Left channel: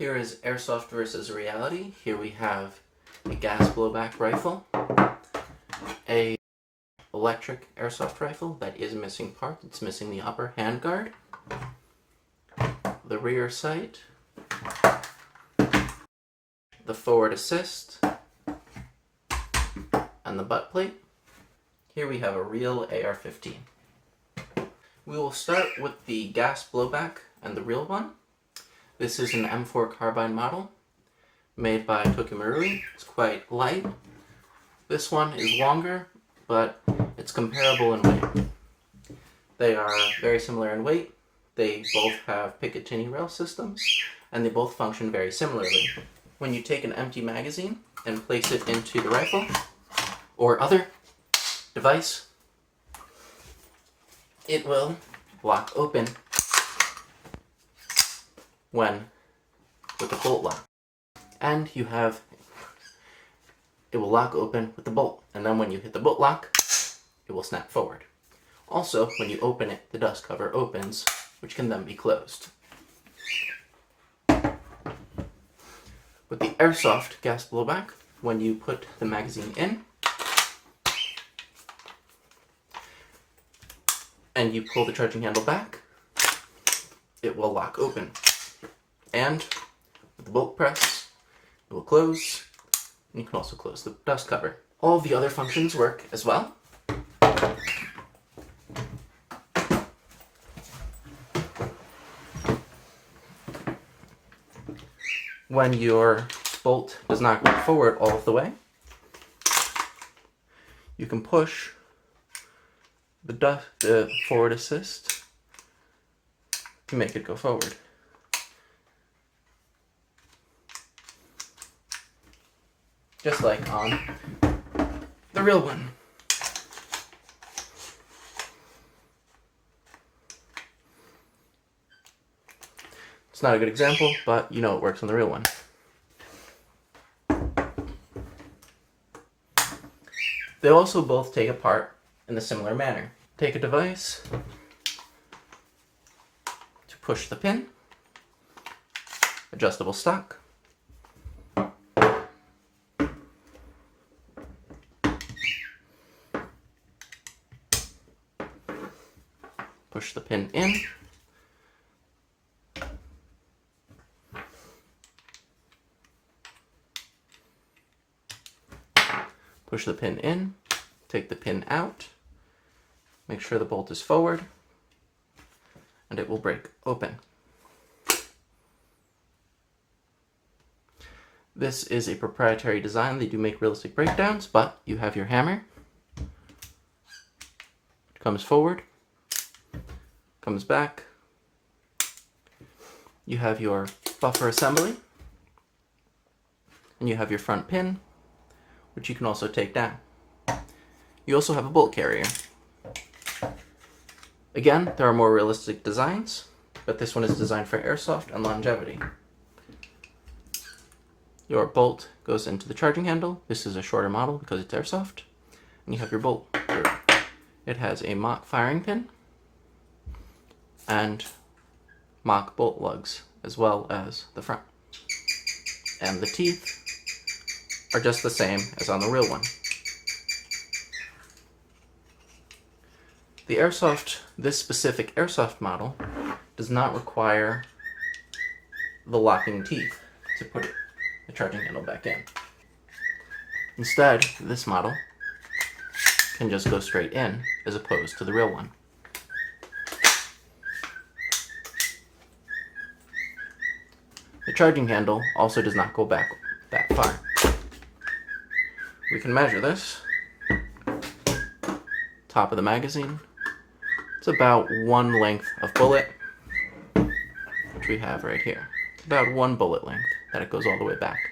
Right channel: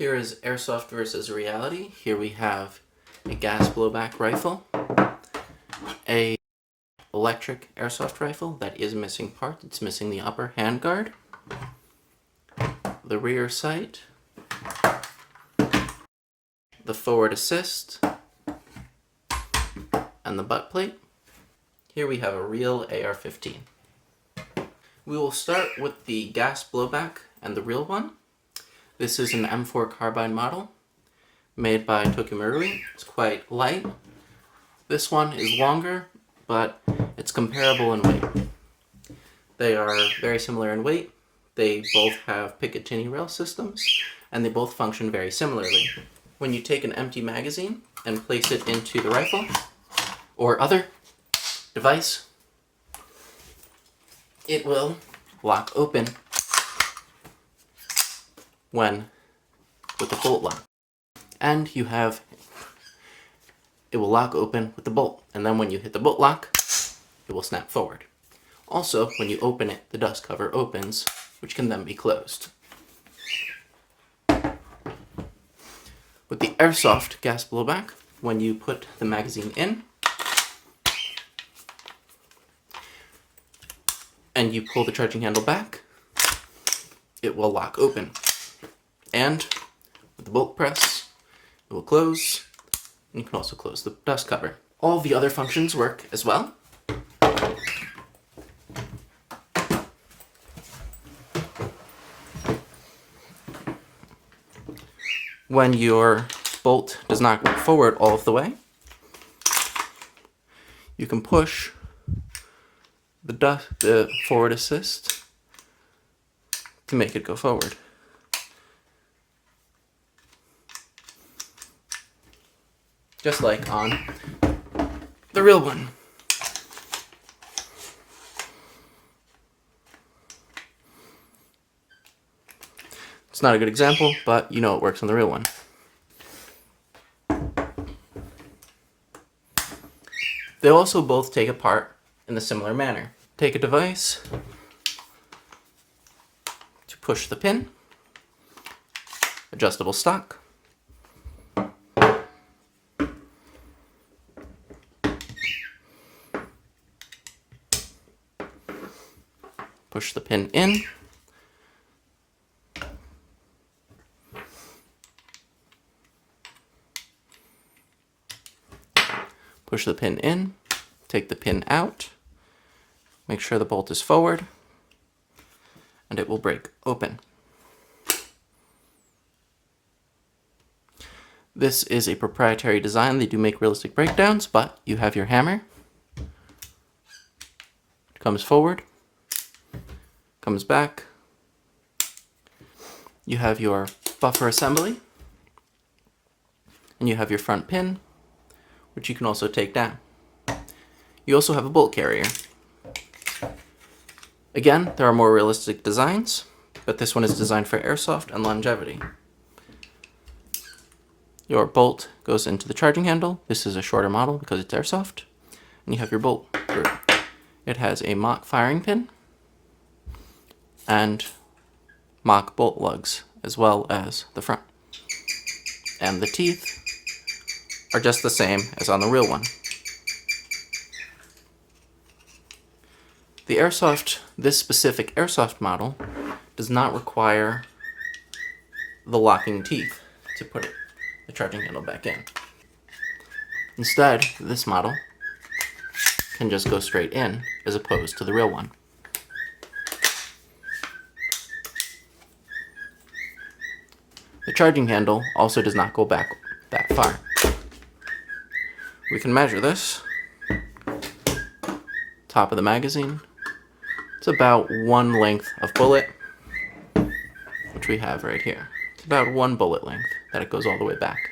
Here is Airsoft versus reality. Here we have a gas blowback rifle, a electric airsoft rifle that is missing part. It's missing the upper handguard, the rear sight, the forward assist, and the butt plate. Here we have a real AR-15. We will start with the gas blowback and the real one. This is an M4 carbine model made by Tokimerui. It's quite light. This one is longer, but it's comparable in weight. They are very similar in weight. They both have Picatinny rail systems, and they both function very similarly. When you take an empty magazine and place it into the rifle or other device, it will lock open with the bolt lock. And it will lock open with the bolt. And then when you hit the bolt lock, it will snap forward. Also, when you open it, the dust cover opens, which can then be closed. With the Airsoft gas blowback, when you put the magazine in, and you pull the charging handle back, it will lock open. And with the bolt press, it will close, and you can also close the dust cover. All the other functions work as well. When your bolt does not go forward all of the way, you can push the forward assist to make it go forward. Just like on the real one. It's not a good example, but you know it works on the real one. They also both take apart in a similar manner. Take a device to push the pin, adjustable stock, push the pin in, push the pin in, take the pin out, make sure the bolt is forward, and it will break open. This is a proprietary design. They do make realistic breakdowns, but you have your hammer. It comes forward, comes back. You have your buffer assembly, and you have your front pin, which you can also take down. You also have a bolt carrier. Again, there are more realistic designs, but this one is designed for airsoft and longevity. Your bolt goes into the charging handle. This is a shorter model because it's airsoft. And you have your bolt group. It has a mock firing pin and mock bolt lugs, as well as the front. And the teeth are just the same as on the real one. This specific airsoft model does not require the locking teeth to put the charging handle back in. Instead, this model can just go straight in as opposed to the real one. The charging handle also does not go back that far. We can measure this. Top of the magazine. It's about one length of bullet, which we have right here. It's about one bullet length that it goes all the way back.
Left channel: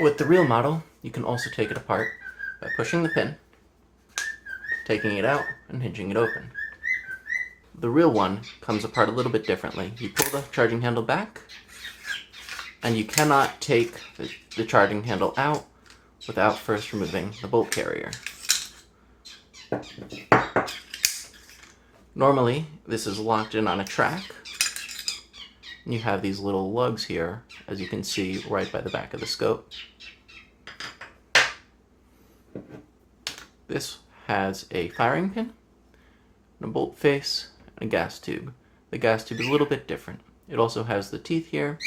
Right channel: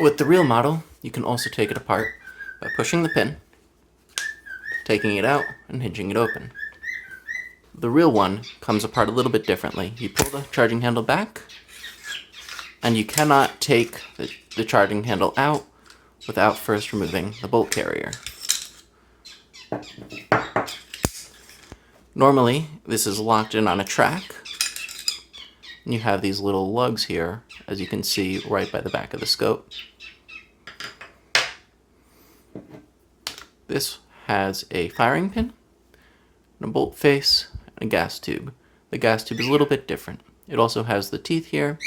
With the real model, you can also take it apart by pushing the pin, taking it out, and hinging it open. The real one comes apart a little bit differently. You pull the charging handle back, and you cannot take the charging handle out without first removing the bolt carrier. Normally, this is locked in on a track, And you have these little lugs here, as you can see right by the back of the scope. This has a firing pin, a bolt face, and a gas tube. The gas tube is a little bit different. It also has the teeth here,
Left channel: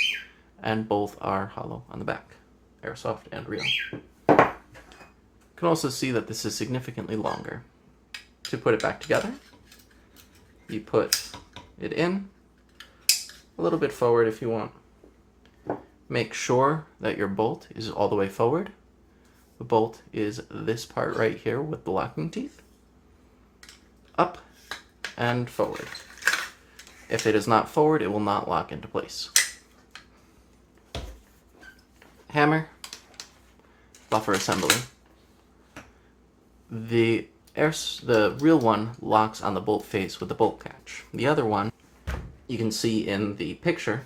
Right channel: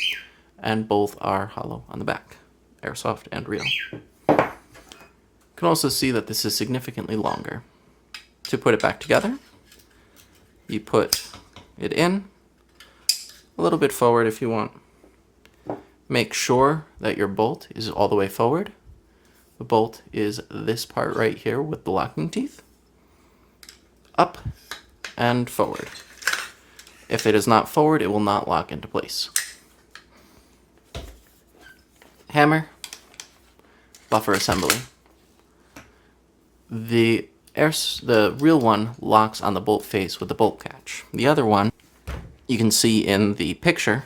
and both are hollow on the back, airsoft and real. You can also see that this is significantly longer. To put it back together, you put it in, a little bit forward if you want. Make sure that your bolt is all the way forward. The bolt is this part right here with the locking teeth. Up and forward. If it is not forward, it will not lock into place. Hammer, buffer assembly. The real one locks on the bolt face with the bolt catch. The other one, you can see in the picture,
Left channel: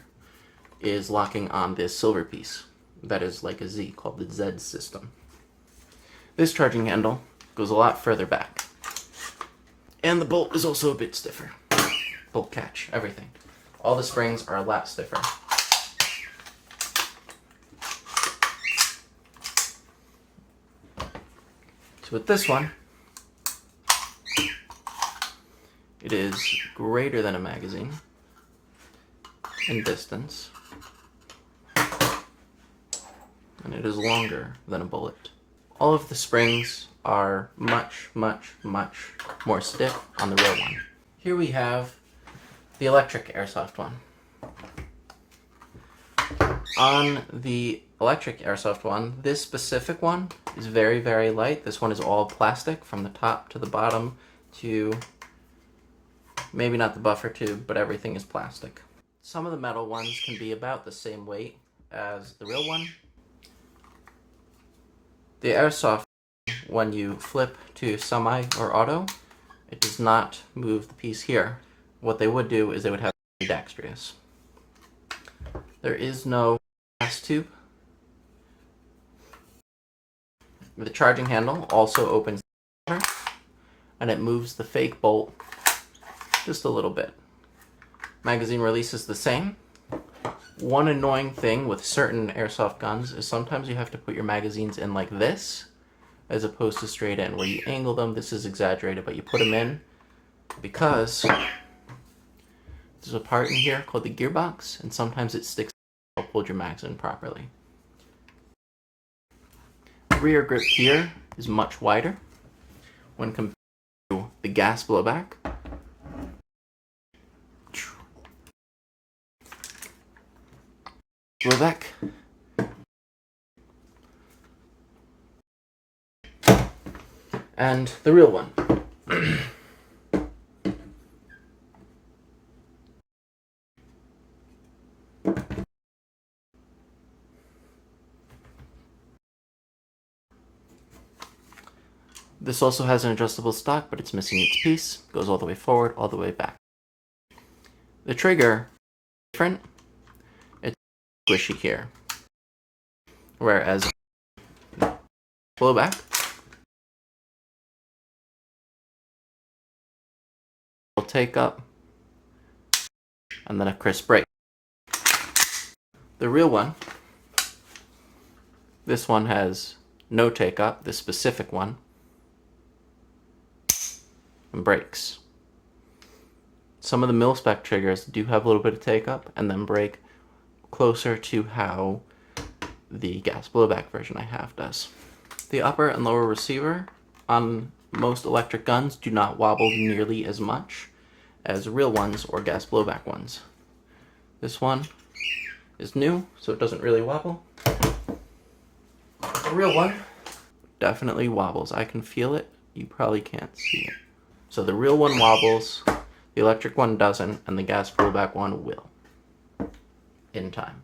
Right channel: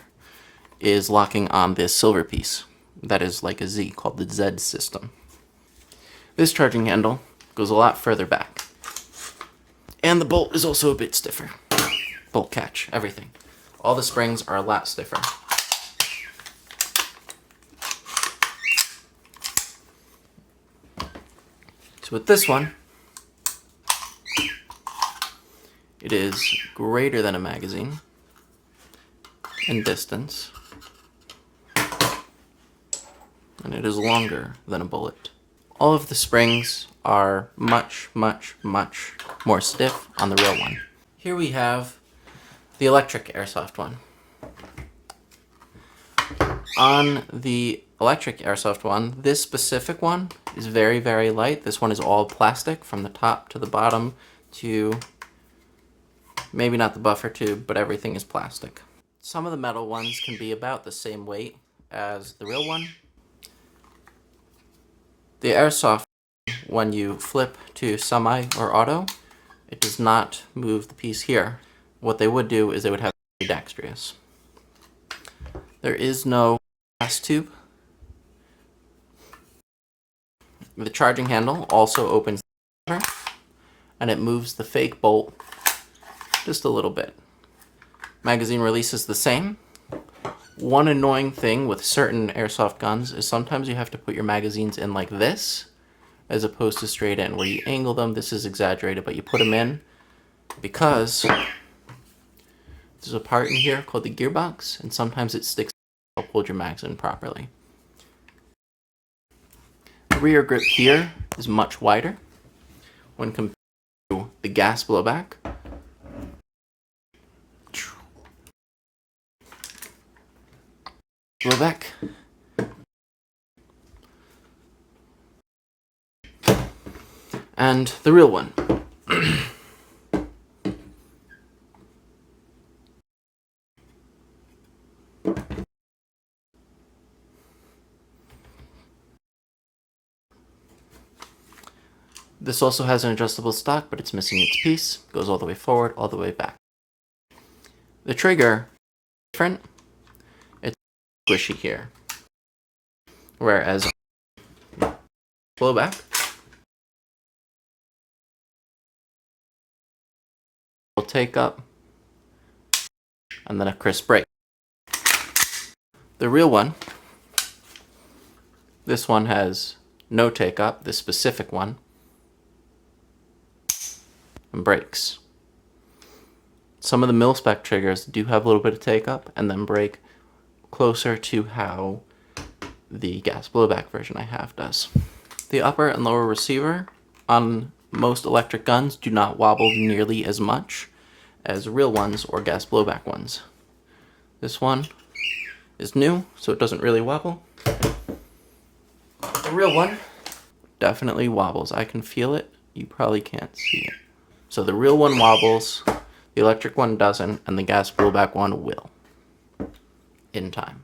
is locking on this silver piece. That is like a Z, called the Z system. This charging handle goes a lot further back. And the bolt is also a bit stiffer. Bolt catch, everything. All the springs are a lot stiffer. So with this one, it is greater than a magazine in distance, and it is longer than a bullet. All of the springs are much, much, much more stiff on the real one. Here we have the electric airsoft one. On the electric airsoft one, this specific one is very, very light. This one is all plastic from the top to the bottom to maybe not the buffer tube, but everything is plastic. Some of the metal ones can be about the same weight as the real one. The airsoft, when you flip to semi or auto, it does not move the piece here. What they would do is they would have dexterous. There is no gas tube. The charging handle also opens the cover, and it moves the fake bolt just a little bit. Magazine release is the same. One annoying thing with certain airsoft guns is sometimes you have to put your magazines in like this, as opposed to straight in, where you angle them. This is exaggerated, but you put them in because there's a part in here called the gearbox, and sometimes it sticks to hold your mags in properly. The rear grip here is much wider when compared to the gas blowback. Blowback. And the real one. This also has an adjustable stock, but it's missing its piece. Goes all the way forward, all the way back. The trigger is different. It's squishy here. Whereas blowback will take up and then a crisp break. The real one, this one has no take up, this specific one, and breaks. Some of the mil-spec triggers do have a little bit of take up and then break, closer to how the gas blowback version I have does. The upper and lower receiver on most electric guns do not wobble nearly as much as real ones or gas blowback ones. This one is new, so it doesn't really wobble. The real one definitely wobbles. I can feel it. You probably can't see it. So the real one wobbles, the electric one doesn't, and the gas blowback one will. In time.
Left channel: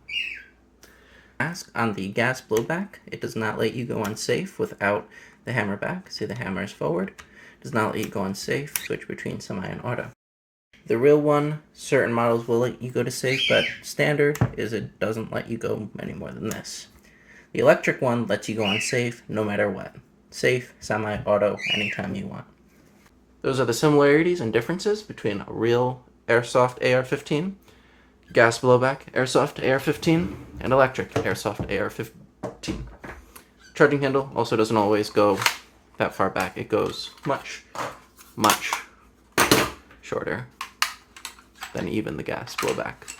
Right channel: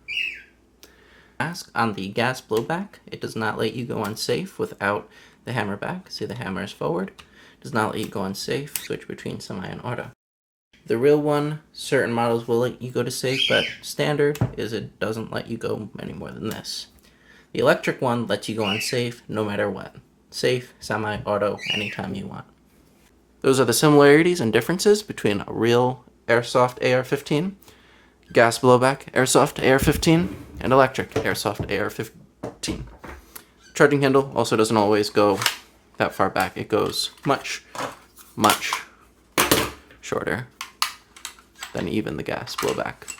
Mask on the gas blowback, it does not let you go on safe without the hammer back. See, the hammer is forward. It does not let you go on safe, switch between semi and auto. The real one, certain models will let you go to safe, but standard is it doesn't let you go any more than this. The electric one lets you go on safe no matter what. Safe, semi, auto, anytime you want. Those are the similarities and differences between a real airsoft AR-15 gas blowback Airsoft AR-15 and electric Airsoft AR-15. Charging handle also doesn't always go that far back. It goes much, much shorter than even the gas blowback.